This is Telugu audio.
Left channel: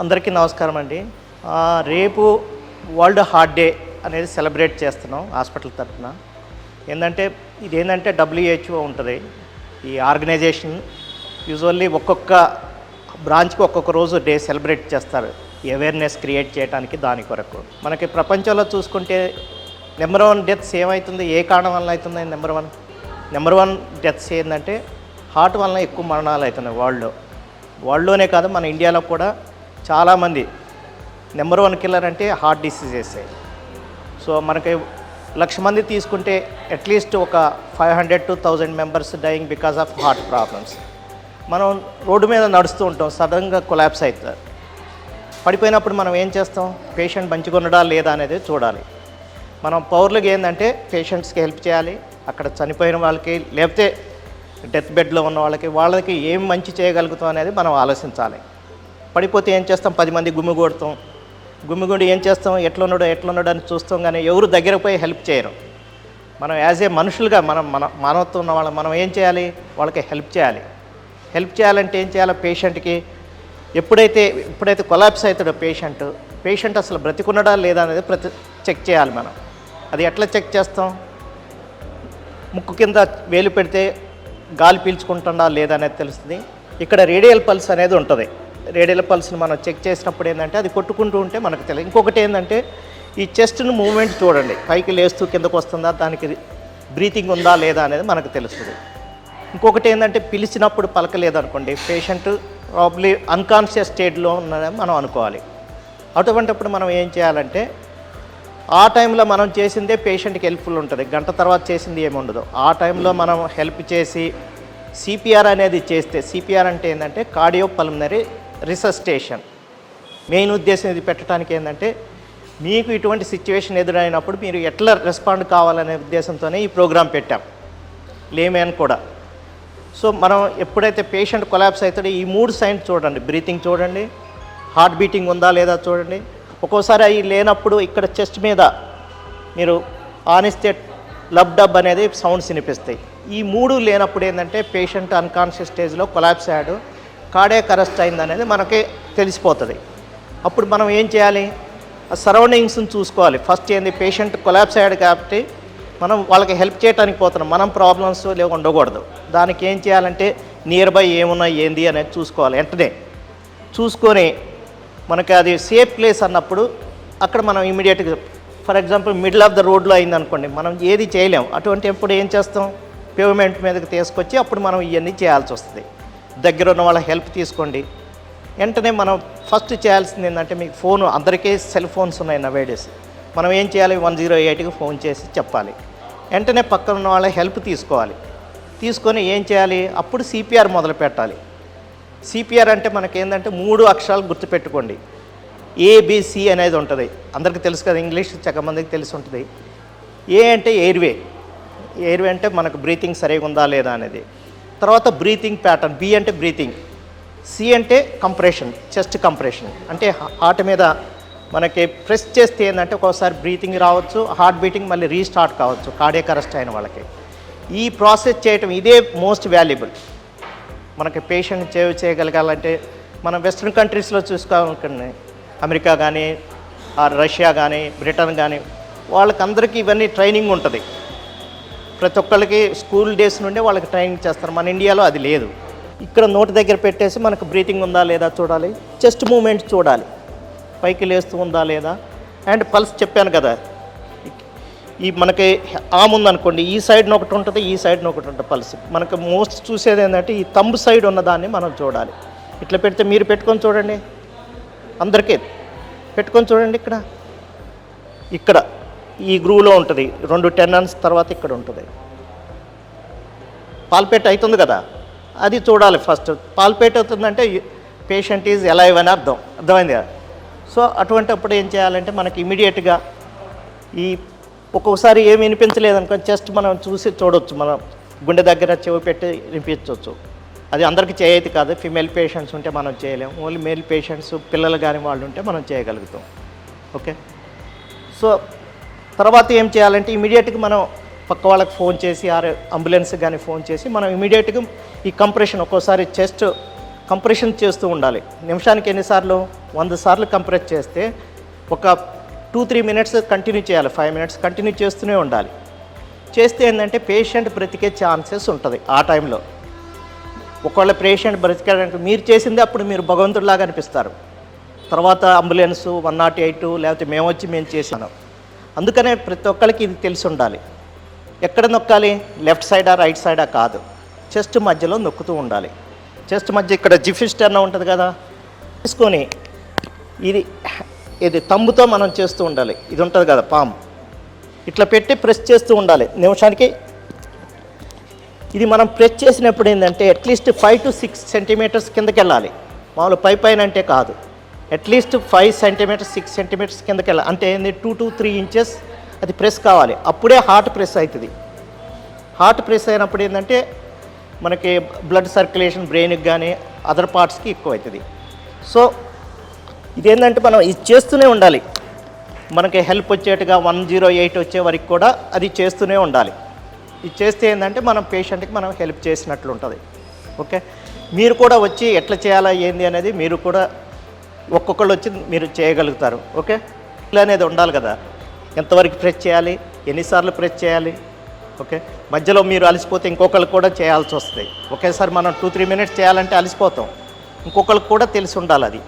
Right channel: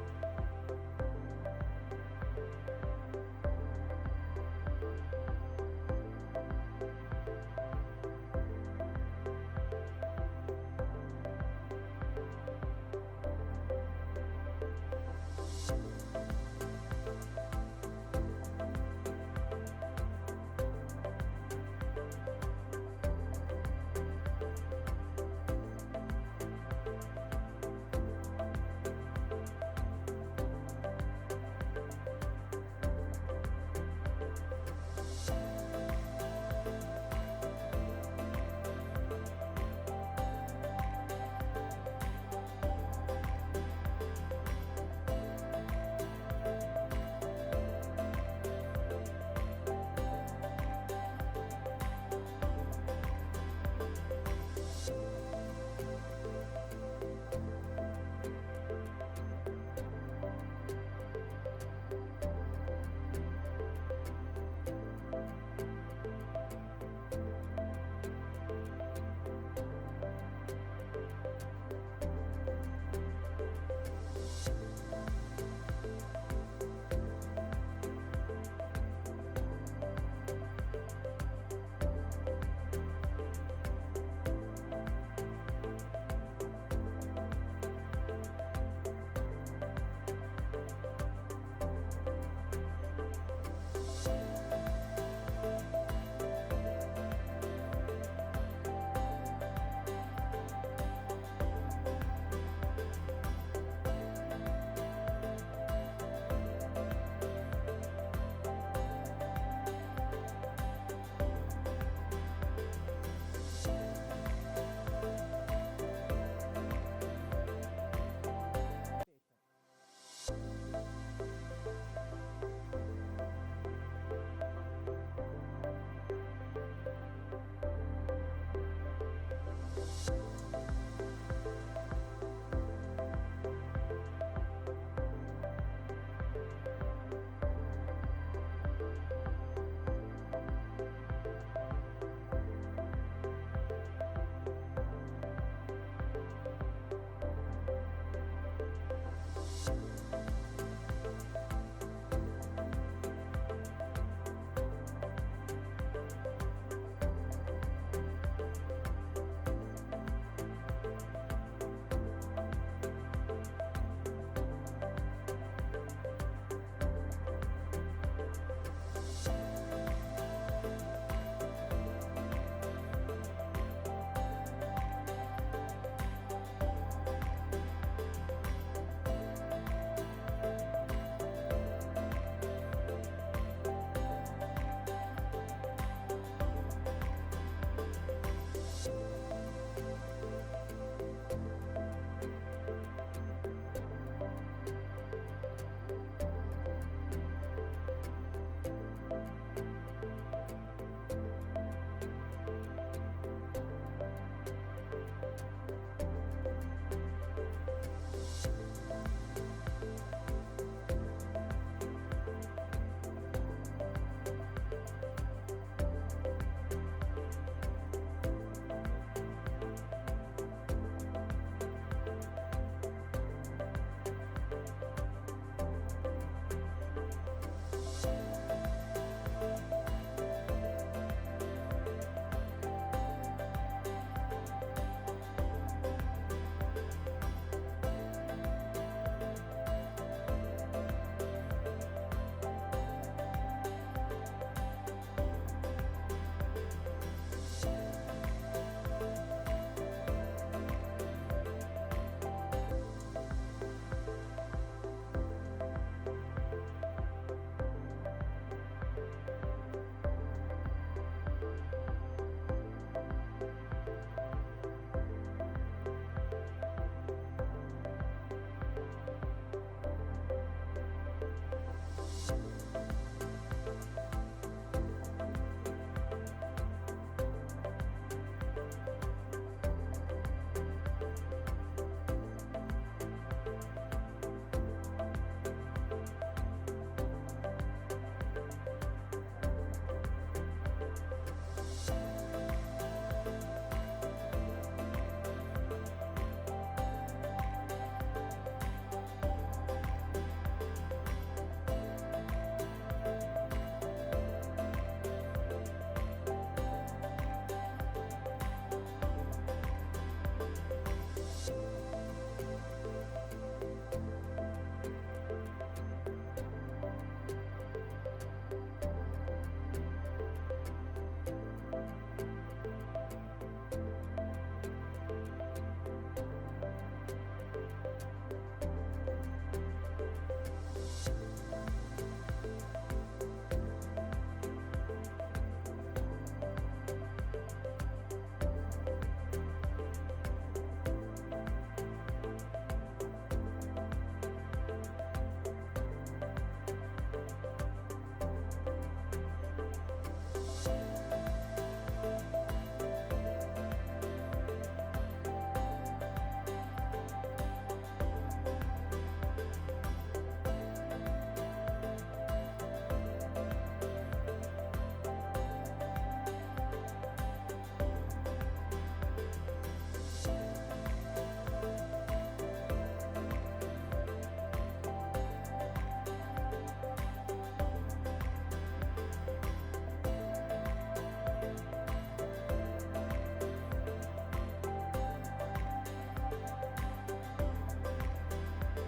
అందరికీ నమస్కారం అండి. రేపు వరల్డ్ హార్ట్ డే అనేది సెలబ్రేట్ చేస్తున్నాం హాస్పిటల్ తరఫున. ఇదేంటంటే WHO ఉంటుంది. ఈ ఆర్గనైజేషన్ యూజువల్లీ ఒక్కొక్క బ్రాంచ్కి ఒక్కొక్క రోజు డే సెలబ్రేట్ చేస్తారు, అవేర్నెస్ క్రియేట్ చేయడానికి. దాని కొరకు మనకి ప్రపంచంలో చూసుకుంటే నెంబర్ 1 డెత్స్ ఏమవుతుంది, ఏ కారణం వల్ల అవుతుంది? నెంబర్ వన్ డెత్స్ ఏంటంటే హార్ట్ వలన ఎక్కువ మరణాలు అవుతున్నాయి వరల్డ్లోనే కాదు, మన ఇండియాలో కూడా చాలామంది. నెంబర్ 1 కిల్లర్ అంటే హార్ట్ డిసీజెస్. సో మనకి 1,00,000 మంది తీసుకుంటే అట్లీస్ట్ ఒక 500 to 1,000 members dying because of heart problems. మనం రోడ్డు మీద నడుస్తూ ఉంటాం, సడన్గా కొలాప్స్ అవుతుంది. పడిపోయినప్పుడు మనం ఏం చేస్తాం? పేషెంట్ మంచిగా ఉండడా లేదా అనేది చూడాలి. మనం పౌరులకు ఏంటంటే పేషెంట్స్కి హెల్ప్ చేయాలి. అక్కడ చనిపోయిన వాళ్ళకి, లేకపోతే డెత్ బెడ్లో ఉన్న వాళ్ళకి ఏం మంచి చేయగలుగుతాం అనేది మనం ఆలోచించాలి. పడిపోతే ఏం చేస్తాం? 10 మంది గుమ్మిగూడి ఏం చేస్తాం? ఎట్లున్నాడు అని చూస్తాం, కానీ ఎవరు దగ్గరకు పోయి హెల్ప్ చేయరు. మనం యాజ్ ఏ మనుషులుగా మన మానవత్వం ఉన్న మనం ఏం చేయాలి? వాళ్ళకి హెల్ప్ చేయాలంటే ఏం చేయాలి? పేషెంట్కి ఎప్పుడైతే కొలాప్స్ అవుతాడో పేషెంట్ అసలు బ్రతికున్నాడా లేదా అనేది చెక్ చేయాలి మనం. అది ఎట్లా చెక్ చేస్తాం? ముక్కు కింద వేలు పెడితే గాలి పీల్చుకుంటుందా లేదా అనేది తెలుస్తుంది. ఇక్కడ రేడియల్ పల్స్ అనేది ఉంటుంది. రేడియల్ పల్స్ని మనం చెక్ చేసినప్పుడు ఏంటంటే అది కొట్టుకుంటూ ఉంటే మనకు తెలియదు. ఇంకొకటి ఏంటంటే ఈ చెస్ట్ను మూవ్మెంట్ చూడండి, పైకి లేస్తూ కిందకు వస్తుందా, దానికి బ్రీతింగ్ ఉందా లేదా అనేది మనకు తెలుస్తుంది. ఇంకొకటి ఏంటంటే పిలిచినప్పుడు పలకలేదనుకోండి, పేషెంట్ ప్రాబ్లీ అన్కాన్షియస్ స్టేట్లో ఉన్నదని మనం అనుకోవాలి. అటువంటిప్పుడు మనం ఏం చేయాలంటే ఆ టైంలో మనం చేసిందే పేషెంట్కి హెల్ప్ఫుల్ ఉంటుంది. గంట తర్వాత చేసింది ఏమి ఉండదు. ఆ టైంలో మనం హెల్ప్ చేసి CPR అనేది చేస్తే, CPR అంటే ఏంటంటే కార్డియో పల్మనరీ రిసస్టేషన్. మెయిన్ ఉద్దేశం ఇది పెట్టడానికి ఏంటంటే మీకు ఇటువంటి సిచ్యువేషన్ ఎదురైనప్పుడు మీరు ఎట్లా రెస్పాండ్ కావాలనే ఉద్దేశంతోనే ఈ ప్రోగ్రాం పెట్టాం, లేమేన్ కూడా. సో మనం ఎప్పుడైతే పేషెంట్ కొలాప్స్ అవుతాడో ఈ 3 సైన్స్ చూడండి. బ్రీతింగ్ చూడండి, హార్ట్ బీటింగ్ ఉందా లేదా చూడండి. ఒక్కోసారి అవి లేనప్పుడు ఇక్కడ చెస్ట్ మీద మీరు ఆనిస్తే లబ్ డబ్ అనేది సౌండ్స్ వినిపిస్తాయి. ఈ 3 లేనప్పుడు ఏంటంటే పేషెంట్ అన్కాన్షియస్ స్టేజ్లో కొలాప్స్ అయ్యాడు, కార్డియాక్ అరెస్ట్ అయింది అనేది మనకి తెలిసిపోతుంది. అప్పుడు మనం ఏం చేయాలి? సరౌండింగ్స్ని చూసుకోవాలి. ఫస్ట్ ఏంది, పేషెంట్ కొలాప్స్ అయ్యాడు కాబట్టి మనం వాళ్ళకి హెల్ప్ చేయడానికి పోతున్నాం, మనం ప్రాబ్లమ్స్ లేవు ఉండకూడదు. దానికి ఏం చేయాలంటే నియర్ బై ఏమున్నాయి ఏంది అనేది చూసుకోవాలి. వెంటనే చూసుకొని మనకి అది సేఫ్ ప్లేస్ అన్నప్పుడు అక్కడ మనం ఇమీడియట్గా, for example middle of the రోడ్లో అయిందనుకోండి, మనం ఏది చేయలేం. అటువంటి ఎప్పుడు ఏం చేస్తాం? పేమెంట్ మీదకి తీసుకొచ్చి అప్పుడు మనం ఇవన్నీ చేయాల్సి వస్తుంది. దగ్గర ఉన్న వాళ్ళ హెల్ప్ తీసుకోండి. వెంటనే మనం ఫస్ట్ చేయాల్సింది ఏంటంటే, మీకు ఫోన్, అందరికీ సెల్ ఫోన్స్ ఉన్నాయి నవేడేస్. మనం ఏం చేయాలి? 108కి ఫోన్ చేసి చెప్పాలి. వెంటనే పక్కన ఉన్న వాళ్ళ హెల్ప్ తీసుకొని ఏం చేయాలి? అప్పుడు CPR మొదలు పెట్టాలి. CPR అంటే మనకేంటంటే 3 అక్షరాలు గుర్తుపెట్టుకోండి. ABC అనేది ఉంటుంది, అందరికీ తెలుసు కదా, ఇంగ్లీష్ చాలా మందికి తెలిసి ఉంటుంది. ఏ అంటే ఎయిర్వే అంటే మనకు బ్రీతింగ్ సరిగా ఉందా లేదా అనేది. తర్వాత బ్రీతింగ్ ప్యాటర్న్, B అంటే బ్రీతింగ్, C అంటే కంప్రెషన్, చెస్ట్ కంప్రెషన్ అంటే హార్ట్ మీద మనకి ప్రెస్ చేస్తే ఏంటంటే ఒక్కోసారి బ్రీతింగ్ రావచ్చు, హార్ట్ బీటింగ్ మళ్ళీ రీస్టార్ట్ కావచ్చు కార్డియాక్ అరెస్ట్ అయిన వాళ్ళకి. ఈ ప్రాసెస్ చేయటం ఇదే మోస్ట్ వాల్యుబుల్. మనకి పేషెంట్ చేయగలగాలంటే మనం వెస్ట్రన్ కంట్రీస్లో చూసుకోవాలనుకోండి, అమెరికా కానీ, రష్యా కానీ, బ్రిటన్ కానీ, వాళ్ళకందరికీ ఇవన్నీ ట్రైనింగ్ ఉంటుంది. ప్రతి ఒక్కరికి స్కూల్ డేస్ నుండే వాళ్ళకి ట్రైనింగ్ చేస్తారు. మన ఇండియాలో అది లేదు. ఇక్కడ నోటి దగ్గర పెట్టేసి మనకు బ్రీతింగ్ ఉందా లేదా చూడాలి, చెస్ట్ మూమెంట్ చూడాలి, పైకి లేస్తూ ఉందా లేదా, అండ్ పల్స్ చెప్పాను కదా. ఈ మనకి ఆమ్ ఉందనుకోండి, ఈ సైడ్న ఒకటి ఉంటుంది, ఈ సైడ్న ఒకటి ఉంటుంది పల్స్. మనకు మోస్ట్ చూసేది ఏంటంటే ఈ తంబు సైడ్ ఉన్నదాన్ని మనం చూడాలి. ఇట్లా పెడితే మీరు పెట్టుకొని చూడండి, అందరికీ పెట్టుకొని చూడండి. ఇక్కడ ఈ గ్రూవ్లో ఉంటుంది, 2 టెండన్స్ తర్వాత ఇక్కడ ఉంటుంది. పాల్పేట్ అవుతుంది కదా, అది చూడాలి ఫస్ట్. పాల్పేట్ అవుతుందంటే పేషెంట్ ఈజ్ ఎలైవ్ అని అర్థమైంది కదా. సో అటువంటిప్పుడు ఏం చేయాలంటే మనకి ఇమీడియట్గా ఈ ఒక్కొక్కసారి ఏమి వినిపించలేదనుకో జస్ట్ మనం చూడవచ్చు, మనం గుండె దగ్గర చెవి పెట్టి వినిపించవచ్చు. అది అందరికీ చేయదు కాదు. ఫీమేల్ పేషెంట్స్ ఉంటే మనం చేయలేము, ఓన్లీ మేల్ పేషెంట్స్, పిల్లలు కానీ వాళ్ళు ఉంటే మనం చేయగలుగుతాం. ఓకే. సో తర్వాత ఏం చేయాలంటే ఇమీడియట్గా మనం పక్క వాళ్ళకి ఫోన్ చేసి, అంబులెన్స్ కానీ ఫోన్ చేసి మనం ఇమీడియట్గా ఈ కంప్రెషన్, ఒక్కోసారి చెస్ట్ కంప్రెషన్ చేస్తూ ఉండాలి. నిమిషానికి ఎన్నిసార్లు? 100 సార్లు కంప్రెస్ చేస్తే ఒక 2-3 మినిట్స్ కంటిన్యూ చేయాలి, 5 మినిట్స్ కంటిన్యూ చేస్తూనే ఉండాలి. చేస్తే ఏంటంటే పేషెంట్ బ్రతికే ఛాన్సెస్ ఉంటుంది ఆ టైంలో. ఒకవేళ పేషెంట్ బ్రతికాడంటే మీరు చేసిందే అప్పుడు మీరు భగవంతుడిలాగా అనిపిస్తారు. తర్వాత అంబులెన్స్ 108 లేకపోతే మేము చేసాను. అందుకనే ప్రతి ఒక్కరికి ఇది తెలిసి ఉండాలి. ఎక్కడ నొక్కాలి? లెఫ్ట్ సైడా రైట్ సైడా కాదు, చెస్ట్ మధ్యలో నొక్కుతూ ఉండాలి. చెస్ట్ మధ్య ఇక్కడ జిఫిస్టర్న ఉంటుంది కదా, తీసుకొని ఇది తంబుతో మనం చేస్తూ ఉండాలి. ఇది ఉంటుంది కదా పామ్, ఇట్లా పెట్టి ప్రెస్ చేస్తూ ఉండాలి నిమిషానికి. ఇది మనం ప్రెస్ చేసినప్పుడు ఏంటంటే అట్లీస్ట్ 5 to 6 సెంటీమీటర్స్ కిందకి వెళ్ళాలి. మామూలు పైన అంటే కాదు, అట్లీస్ట్ 5 సెంటీమీటర్స్ 6 సెంటీమీటర్స్ కిందకి వెళ్ళాలి. అంటే ఏంది 2 to 3 ఇంచెస్ అది ప్రెస్ కావాలి. అప్పుడే హార్ట్ ప్రెస్ అవుతుంది. హార్ట్ ప్రెస్ అయినప్పుడు ఏంటంటే మనకి బ్లడ్ సర్క్యులేషన్ బ్రెయిన్కి కానీ అదర్ పార్ట్స్కి ఎక్కువ అవుతుంది. సో ఇదేంటంటే మనం ఇది చేస్తూనే ఉండాలి. మనకి హెల్ప్ వచ్చేట్టుగా 108 వచ్చే వరకు కూడా అది చేస్తూనే ఉండాలి. ఇది చేస్తే ఏంటంటే మనం పేషెంట్కి మనం హెల్ప్ చేసినట్లు ఉంటుంది. ఓకే, మీరు కూడా వచ్చి ఎట్లా చేయాలా ఏంది అనేది మీరు కూడా ఒక్కొక్కళ్ళు వచ్చి మీరు చేయగలుగుతారు. ఓకే, ఇలా అనేది ఉండాలి కదా, ఎంతవరకు ప్రెస్ చేయాలి, ఎన్నిసార్లు ప్రెస్ చేయాలి. ఓకే, మధ్యలో మీరు అలసిపోతే ఇంకొకళ్ళు కూడా చేయాల్సి వస్తుంది. ఒకేసారి మనం 2-3 మినిట్స్ చేయాలంటే అలసిపోతాం. ఇంకొకళ్ళకి కూడా తెలిసి ఉండాలి అది.